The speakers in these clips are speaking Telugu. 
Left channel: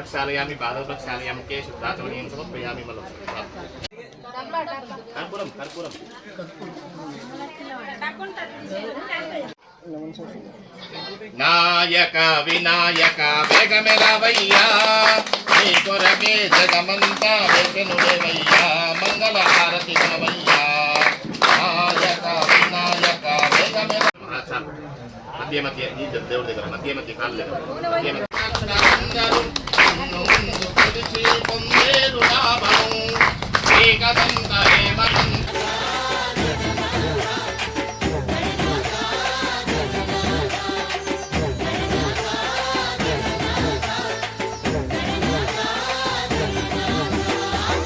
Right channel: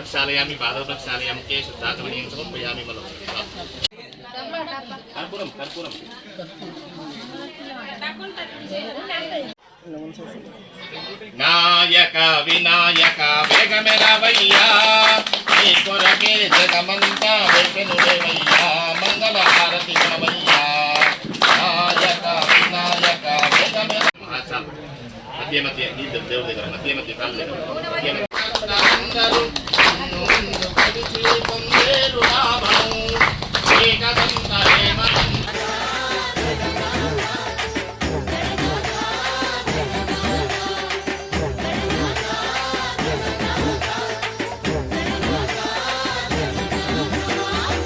प्रक्षालयामि पादौ प्रक्षालयामि मुखे शुद्धाचमनीयं समर्पयामि मलं कर्पूरं कर्पूरं నాయక వినాయక వేగమెలవయ్యా నీ కొరకే జగమంతా వెసెనులేవయ్యా మంగళ హారతి గుణవయ్యా నాయక వినాయక వేగమెల మధ్య మధ్య నీ దేవుడి దగ్గర మధ్య మధ్య కాళ్ళ దగ్గర మధ్య మధ్య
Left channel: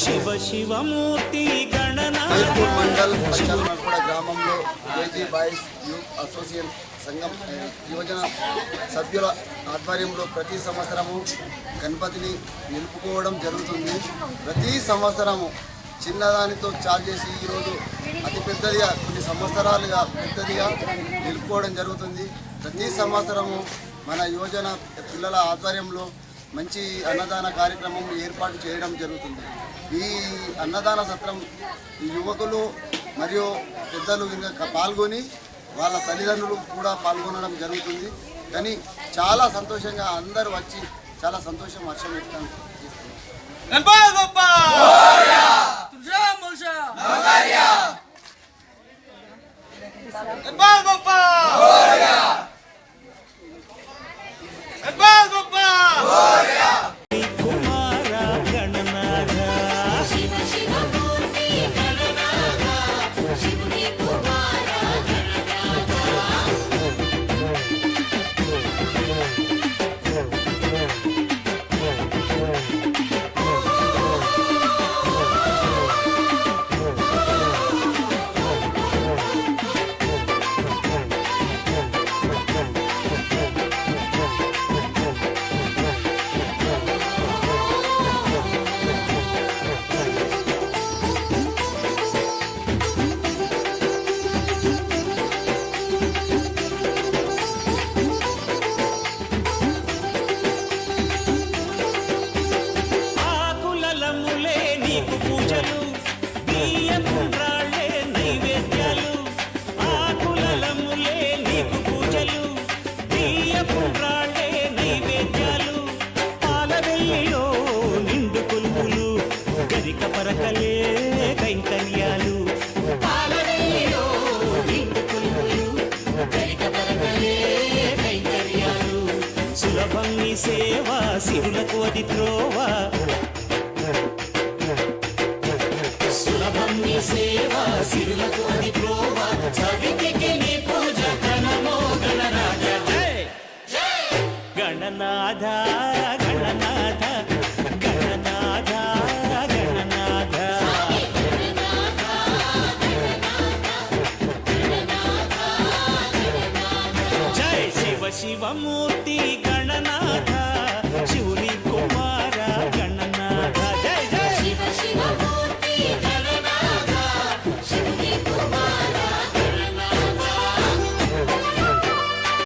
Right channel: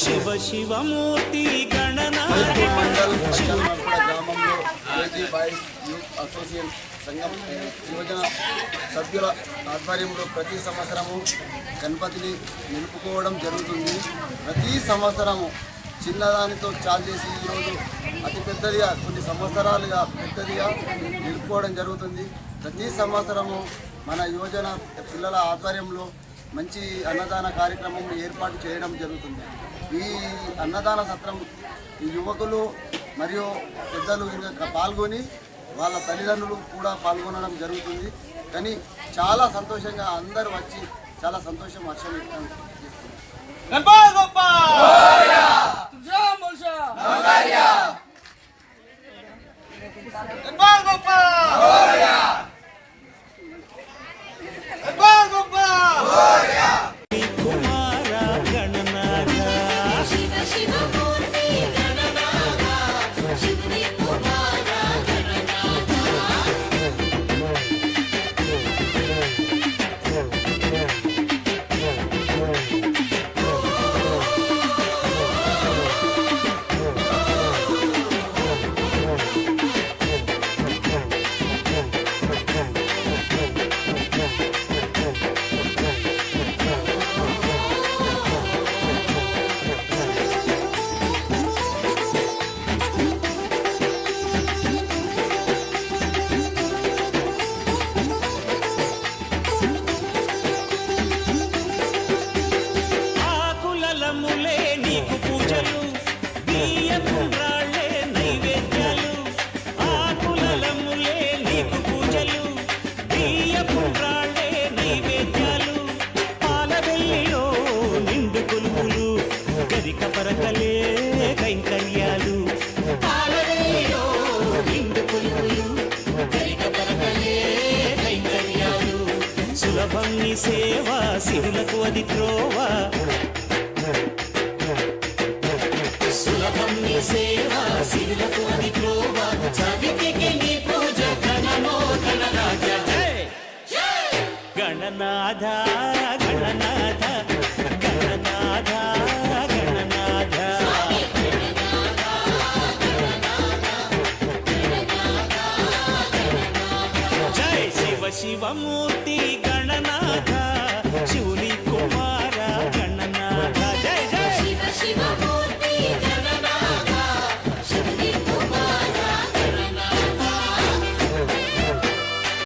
శివ శివమూర్తి గణనాథ. గ్రామంలో ఏజీ బాయ్స్ యూత్ అసోసియేషన్ సంఘం యువజన సభ్యుల ఆధ్వర్యంలో ప్రతి సంవత్సరము గణపతిని నిలుపుకోవడం జరుగుతుంది. ప్రతి సంవత్సరము చిన్నదానితో చాలు చేసి ఈరోజు అతి పెద్దదిగా కొన్ని సంవత్సరాలుగా పెద్దదిగా నిలుపుకోవడం జరుగుతుంది. ప్రతి సంవత్సరము మన యువజన పిల్లల ఆధ్వర్యంలో మంచి అన్నదాన కార్యక్రమం ఏర్పాటు చేయడం జరుగుతుంది. ఈ అన్నదాన సత్రం ఈ యువకులు మరియు పెద్దలు ఇంకా పాల్గొని వాళ్ళ తల్లిదండ్రులు కూడా పాల్గొనడం జరుగుతుంది. కానీ చాలా సంతోషంగా అందరూ వచ్చి చాలా సంతోషం హర్షం వ్యక్తం చేస్తున్నారు. నీకు పూజలు బియ్యం రాళ్ళే నైవేద్యాలు ఆకులలములే నీకు పూజలు బియ్యపు రాళ్ళే నైవేద్యాలు పాలవెల్లిలో నిండు కొలువులు గరిక పరకలే కైంకర్యాలు. పాలవెల్లిలో నిండు కొలువులు గరిక పరకలే కైంకర్యాలు. సులభం నీ సేవ సిరులకు అది త్రోవ. సులభం నీ సేవ సిరులకు అది త్రోవ చవితికి నీ పూజ ఘనమో గణనాథ గణనాథ గణనాథ గణనాథ గణనాథ. జై శివ శివమూర్తి గణనాథ శివుని కుమార గణనాథ. జయ జయ శివ శివ